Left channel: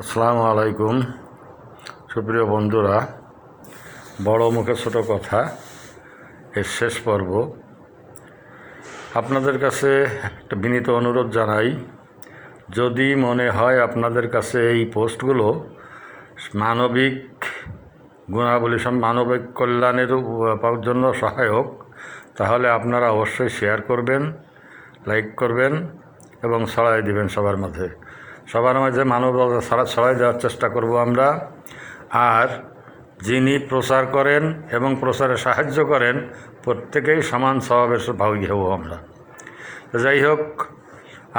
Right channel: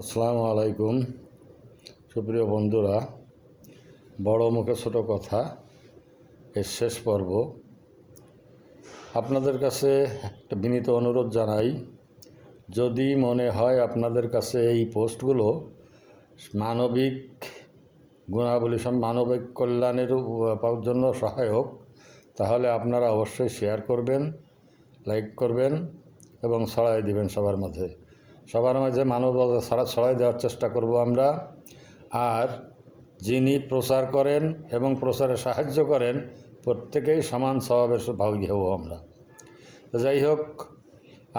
আসসালামু আলাইকুম। সুপ্রিয় বন্ধুরা, বড় মুখে ছোট কথা, এর শেষ পর্ব। আপনাদের কাছে একটা বিনীত অনুরোধ জানাই, যদি মনে হয় আপনাদের কাছে এই পোস্টগুলো মানবিক গুণাবলী, সম, মানবিক কল্যাণের জন্য সহায়ক, তাহলে আপনারা অবশ্যই শেয়ার করবেন, লাইক করবেন এবং ছড়াই দেবেন সবার মাঝে। সবার মাঝে মানবতা ছাড়া ছড়াই দেওয়ার চেষ্টা করব আমরা। আর যিনি প্রচার করেন এবং প্রচারে সাহায্য করেন, প্রত্যেকেই সমান স্বভাবের ভাবি হব আমরা। যাই হোক,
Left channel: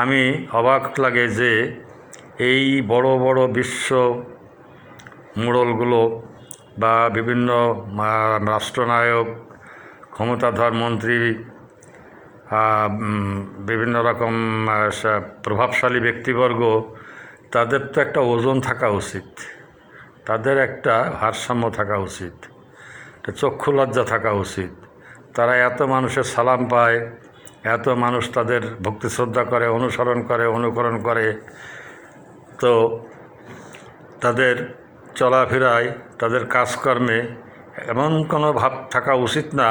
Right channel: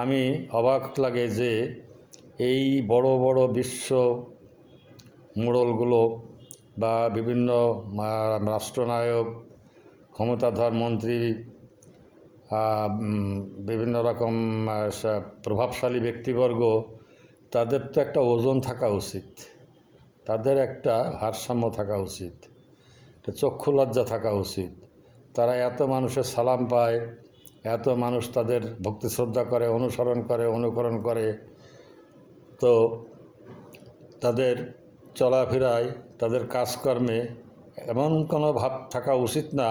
আমি অবাক লাগে যে এই বড় বড় বিশ্ব মোড়লগুলো বা বিভিন্ন রাষ্ট্রনায়ক, ক্ষমতাধর মন্ত্রী বিভিন্ন রকম প্রভাবশালী ব্যক্তিবর্গ তাদের তো একটা ওজন থাকা উচিত। তাদের একটা ভারসাম্য থাকা উচিত। চক্ষু লজ্জা থাকা উচিত। তারা এত মানুষের সালাম পায়, এত মানুষ তাদের ভক্তি শ্রদ্ধা করে, অনুসরণ করে, অনুকরণ করে। তো তাদের চলাফেরায়, তাদের কাজকর্মে এমন কোনো ভাব থাকা উচিত না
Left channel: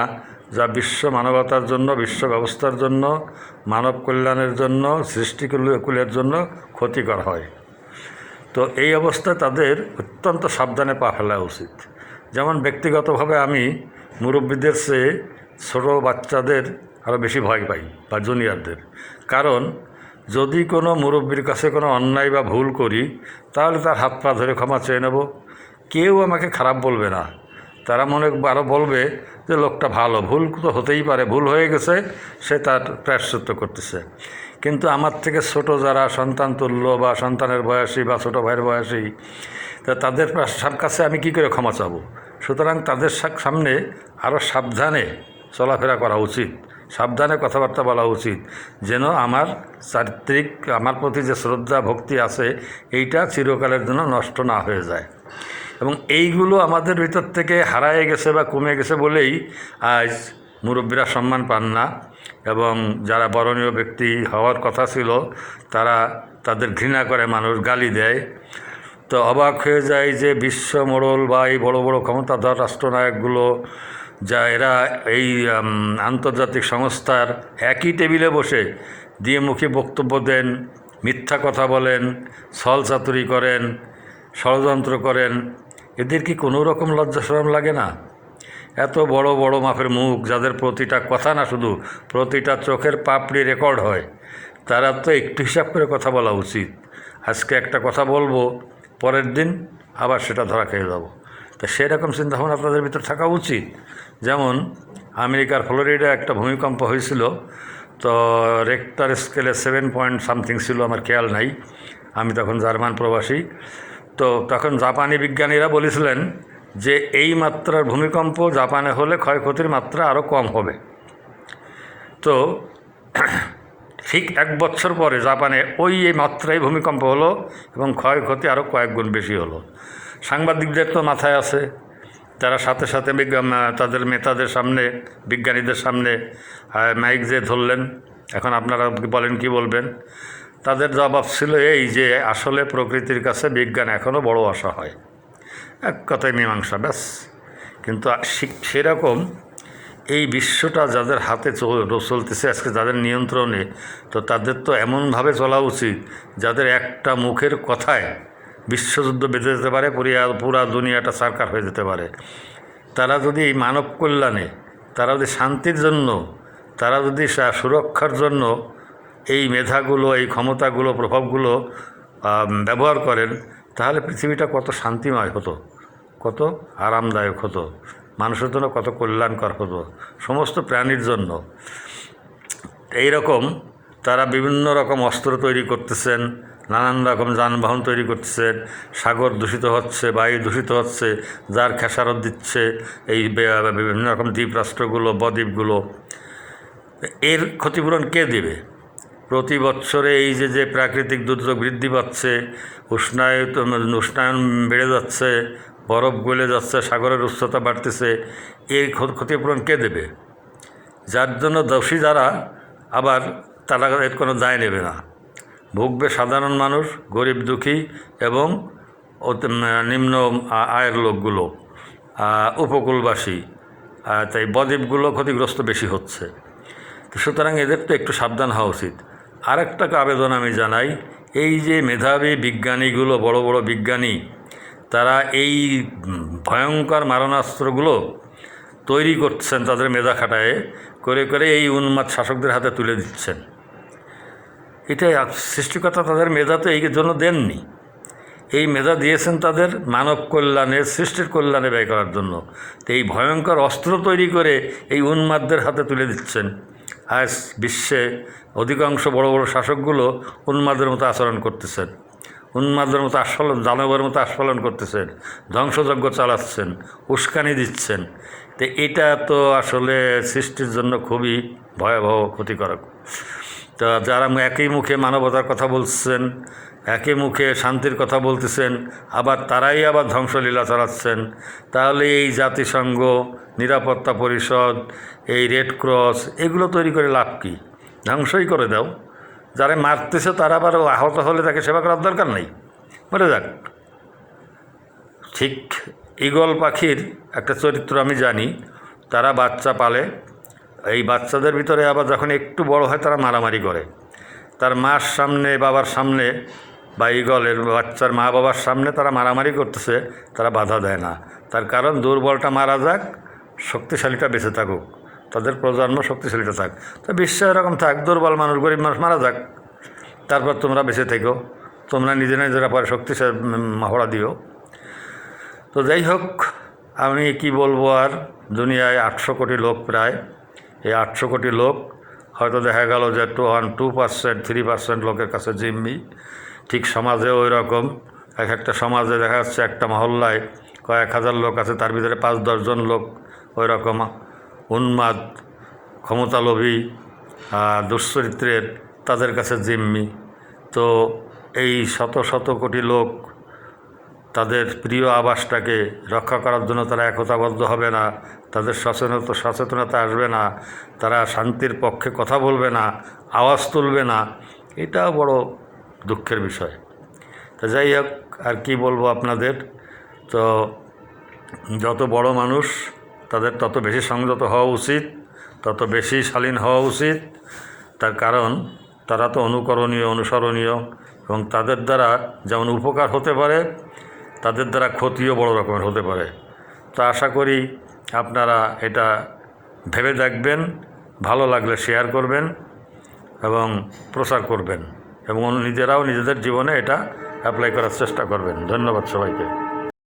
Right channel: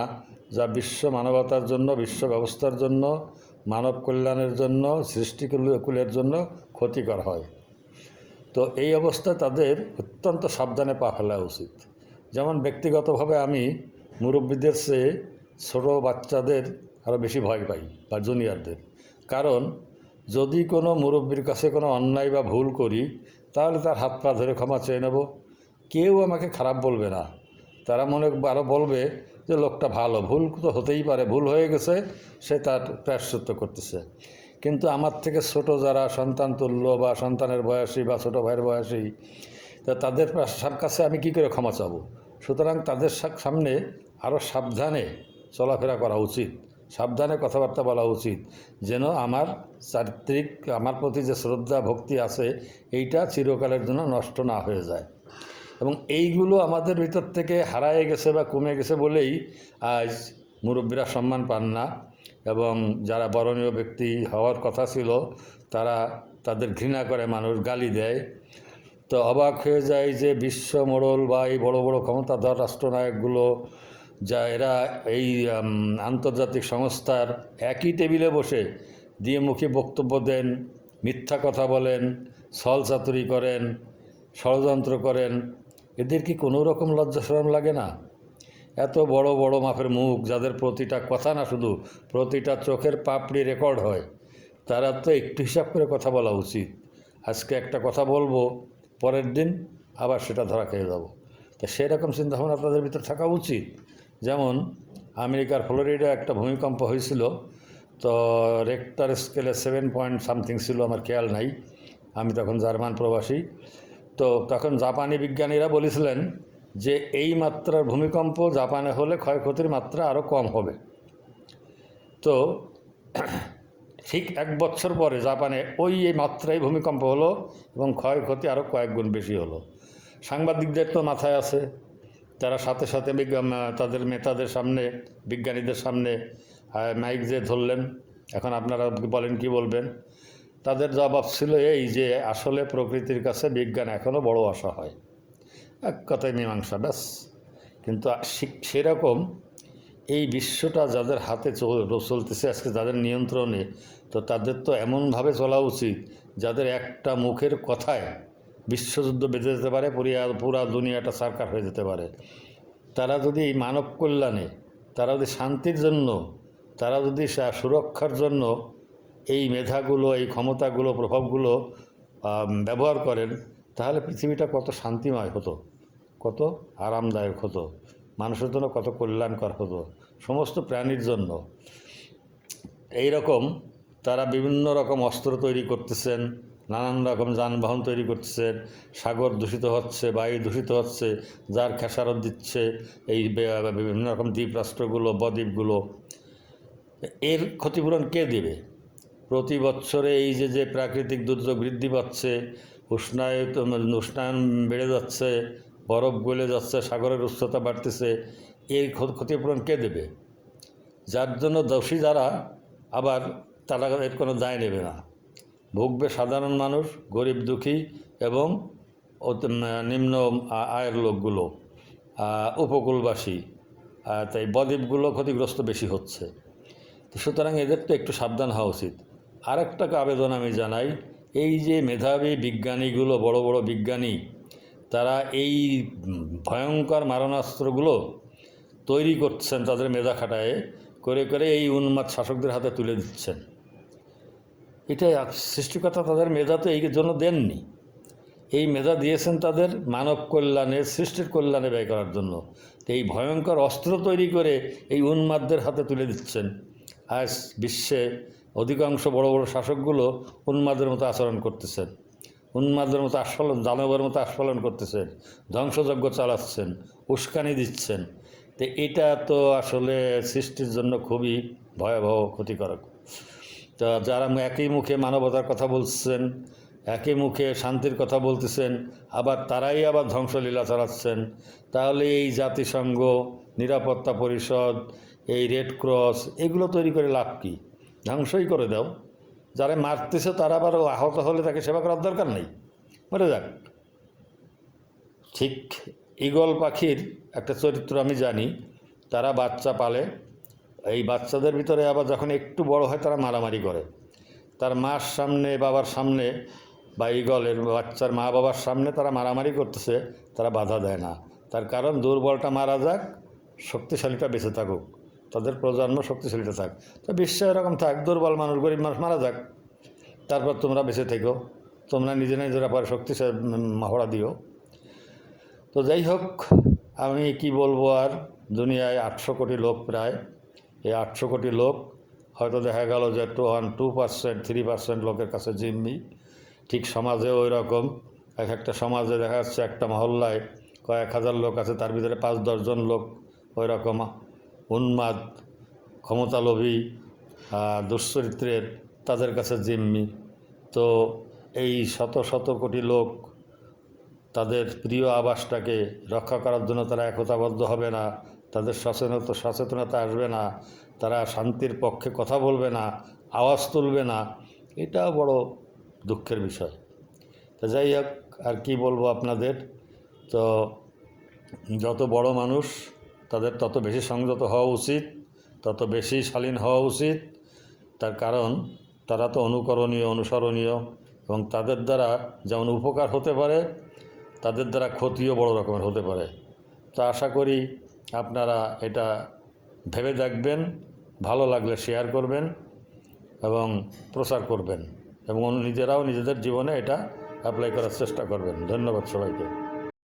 যা বিশ্ব মানবতার জন্য, বিশ্ব ব্যবস্থার জন্য, মানব কল্যাণের জন্য, সৃষ্টিকুলের জন্য ক্ষতিকর হয়। তো এই অবস্থায় তাদের অত্যন্ত সাবধানে পা ফেলা উচিত। যেমন ব্যক্তিগতভাবে আমি মুরব্বীদের চেয়ে ছোটো বাচ্চাদের আরও বেশি ভয় পাই বা জুনিয়রদের। কারণ যদি কোনো মুরব্বীর কাছে কোনো অন্যায় বা ভুল করি, তাহলে তার হাত পা ধরে ক্ষমা চেয়ে নেব। কেউ আমাকে খারাপ বলবে না। তারা মনে আরও বলবে যে, লোকটা ভালো, ভুল তো হতেই পারে, ভুল হয়ে গেছে, সে তার প্রায়শ্চিত্ত করতেছে। কিন্তু আমার থেকে ছোট যারা সন্তান তুল্য বা সন্তানের বয়সী বা ছোটো ভাইয়ের বয়সী, তা তাদের কাছে আমি কি করে ক্ষমা চাবো? সুতরাং তাদের সামনে আরও সাবধানে চলাফেরা করা উচিত। সাবধানে কথাবার্তা বলা উচিত। যেন আমার চারিত্রিক, আমার প্রতি যে শ্রদ্ধা, ভক্তি আছে, এইটা চিরকালের জন্য নষ্ট না হয়ে যায়। এবং এইগুলো আমাদের ভিতর থেকে হারায় গেছে বা কমে গেছে বলেই আজ মুরব্বীরা সম্মান পান না। এবং যারা বরণীয় ব্যক্তি হওয়ার কথা ছিল, তারা তাদের ঘৃণা করে মানুষ গালি দেয়। তো অবাক হয়ে যায় যে বিশ্ব মোড়ল বা এই বড় বড় ক্ষমতাধর রাষ্ট্রনায়কগুলো, যা এরা এই আন্তর্জাতিক সংস্থার একই টেবিলে বসে দিয়ে মুখী বক্তব্য দেন, মিথ্যা কথা বলেন, ছল চাতুরি করেন, ষড়যন্ত্র করেন। এদের কি কোনো রকম লজ্জা শরম লাগে না? এত বড় বড় মাপের মুখ, যাদের প্রতিটা কথা না শুধু প্রতিটা চোখের পাপড়ি রেকর্ড হয়, তারা তো একটু হিসাব করে কথা বলা উচিত। আজকে একটা কথা বলব, পরের দিন আবার সেটা ধরা খেয়ে যাব। তো সেরকম চিন্তাভাবনা আপনাদের ভিতর থাকা উচিত। যেমন, আমেরিকার ফ্লোরিডা একটা ভূমিকম্প হয়েছিল, তো রেক্টার স্কেলে সেভেন পয়েন্ট সামথিং ছিল, আমার খেয়াল নাই। আমি তখন জার্মান প্রবাসী। তো তখন জাপানি বিজ্ঞানীরা বলেছিলেন যে এই মাত্রার ভূমিকম্প জাপানে হলে ক্ষয়ক্ষতির মাত্রা আরও কম হবে। তো ঠিক এক বছর পরে জাপানে ওই এই মাত্রায় ভূমিকম্প হলো এবং ক্ষয়ক্ষতি আরও কয়েক গুণ বেশি হলো। সাংবাদিকদের তো মাথায় আছে, তারা সাথে সাথে তাদের নেতাদের সামনে, বিজ্ঞানীদের সামনে মাইক যে ধরলেন, এখন আপনারা বলেন কি বলবেন? তাদের জবাব ছিল এই যে আসলে প্রকৃতির কাছে বিজ্ঞান এখনও বড় আশা হয়। এক কথায় মীমাংসা, ব্যাস। কিন্তু সেরকম এই বিশ্বটা যাদের হাতে চল- চলতেছে, আজকে যাদের নিয়ন্ত্রণে, তো তাদের তো এমনভাবে চলা উচিত যাদের একটা মুখের কথায় বিশ্বযুদ্ধ বেঁধে যেতে পারে, পুরিয়া, পুরা দুনিয়াটা সার্কার হয়ে যেতে পারে। তারা যদি এই মানব কল্যাণে, তারা যদি শান্তির জন্য, তারা যদি সুরক্ষার জন্য এই মেধাগুলো, এই ক্ষমতাগুলো, প্রভাবগুলো ব্যবহার করেন তাহলে পৃথিবীটা কত শান্তিময় হতো, কত আরামদায়ক হতো, মানুষের জন্য কত কল্যাণকর হতো, সমস্ত প্রাণীর জন্য। এই রকম তারা বিভিন্ন রকম অস্ত্র তৈরি করতেছেন, নানান রকম যানবাহন তৈরি করতেছেন, সাগর দূষিত হচ্ছে, বায়ু দূষিত হচ্ছে, যার খেসারত দিচ্ছে, এই বিভিন্ন রকম দ্বীপ রাষ্ট্রগুলো বদ্বীপগুলো। এর ক্ষতিপূরণ কে দেবে? প্রতি বছরে এই যে যে প্রাকৃতিক দুর্যোগ বৃদ্ধি পাচ্ছে উষ্ণায়িত উষ্ণায়ন বেড়ে যাচ্ছে, বরফ গলে যাচ্ছে, সাগরের উচ্চতা বাড়তেছে। এই ক্ষতিপূরণ কে দেবে? যার জন্য দোষী যারা, আবার তারা এর কোনো দায় নেবে না। ভুগবে সাধারণ মানুষ, গরিব, দুঃখী এবং নিম্ন আয়ের লোকগুলো উপকূলবাসী। তাই বদ্বীপগুলো ক্ষতিগ্রস্ত বেশি হচ্ছে। সুতরাং এদের তো একটু সাবধান হওয়া উচিত। আরেকটা আবেদন আমি জানাই এই যে মেধাবী বিজ্ঞানীগুলো, বড় বড় বিজ্ঞানী, তারা এই ভয়ঙ্কর মারণাস্ত্রগুলো তৈরি করছেন তাদের মেধা খাটায়ে, করে করে এই উন্মাদ শাসকদের হাতে তুলে দিচ্ছেন। আপ- সৃষ্টিকর্তা তাদের মেধা তো এই জন্য দেননি। এই মেধা দিয়েছেন তাদের মানব কল্যাণে, সৃষ্টির কল্যাণে ব্যয় করার জন্য। তো এই ভয়ঙ্কর অস্ত্র তৈরি করে এই উন্মাদদের হাতে তুলে দিচ্ছেন। আজ বিশ্বে অধিকাংশ বড় বড় শাসকগুলো উন্মাদের মতো আচরণ করতেছেন। উন্মাদের মতো আস্ফালন দানবের মতো আস্ফালন করতেছেন, ধ্বংসযজ্ঞ চালাচ্ছেন, উস্কানি দিচ্ছেন। তো এটা তো আসলে সৃষ্টির জন্য খুবই ভয়াবহ ক্ষতিকারক। তা যারা একই মুখে মানবতার কথা বলছেন, একই মুখে শান্তির কথা বলতেছেন, আবার তারাই আবার ধ্বংসলীলা চালাচ্ছেন, তাহলে এই জাতিসংঘ, নিরাপত্তা পরিষদ, এই রেড ক্রস, এগুলো তৈরি করে লাভ কী? ধ্বংসই করে দাও। যারা মারতেছে তারা আবার আহত হলে তাকে সেবা করার দরকার নেই। মরে যাক। ঠিক ঈগল পাখির একটা চরিত্র আমি জানি, তারা বাচ্চা পালে। এই বাচ্চাদের ভিতরে আবার যখন একটু বড় হয় তারা মারামারি করে। তার মার সামনে, বাবার সামনে বা ঈগলের বাচ্চার মা বাবার সামনে তারা মারামারি করতেছে, তারা বাধা দেয় না। তার কারণ দুর্বলটা মারা যাক, শক্তিশালীটা বেঁচে থাকুক। তাদের প্রজন্ম শক্তিশালীটা থাক। তো বিশ্ব এরকম থাক, দুর্বল মানুষ, গরিব মানুষ, মারা যাক। তারপর তোমরা বেঁচে থেকো। তোমরা নিজে নিজেরা পরে শক্তিশালী মহড়া দিও। তো যাই হোক, আমি কি বলব আর? দুনিয়ায় আটশো কোটি লোক প্রায়। এই আটশো কোটি লোক, হয়তো দেখা গেল যে two one, two percent, three percent লোকের কাছে জিম্মি। ঠিক সমাজেও ওই রকম। এক একটা সমাজে দেখা যাচ্ছে একটা মহল্লায় কয়েক হাজার লোক আছে, তার ভিতরে পাঁচ দশজন লোক ওই রকম। উন্মাদ, ক্ষমতালোভী দুশ্চরিত্রের তাদের কাছে জিম্মি। তো এই শত শত কোটি লোক তাদের প্রিয় আবাসটাকে রক্ষা করার জন্য তারা একতাবদ্ধ হবে না, তাদের সচেতনতা সচেতনতা আসবে না, তারা শান্তির পক্ষে কথা বলবে না, আওয়াজ তুলবে না, এটা বড় দুঃখের বিষয়। তো যাই হোক, আর কি বলব আপনাদের? তো যত বড় মানুষ তাদের তত বেশি সংযত হওয়া উচিত, তত বেশি শালীন হওয়া উচিত। তার কারণ, তারা তো অনুকরণীয়, অনুসরণীয় এবং তাদের দ্বারা যেমন উপকার হতে পারে, তাদের দ্বারা ক্ষতিও বড় রকমের হতে পারে। তো আশা করি আপনারা এটা ভেবে দেখবেন, ভালো লাগলে শেয়ার করবেন এবং প্রচার করবেন এবং নিজেরাও নিজেদের জীবনে এটা অ্যাপ্লাই করার চেষ্টা করবেন। ধন্যবাদ সবাইকে।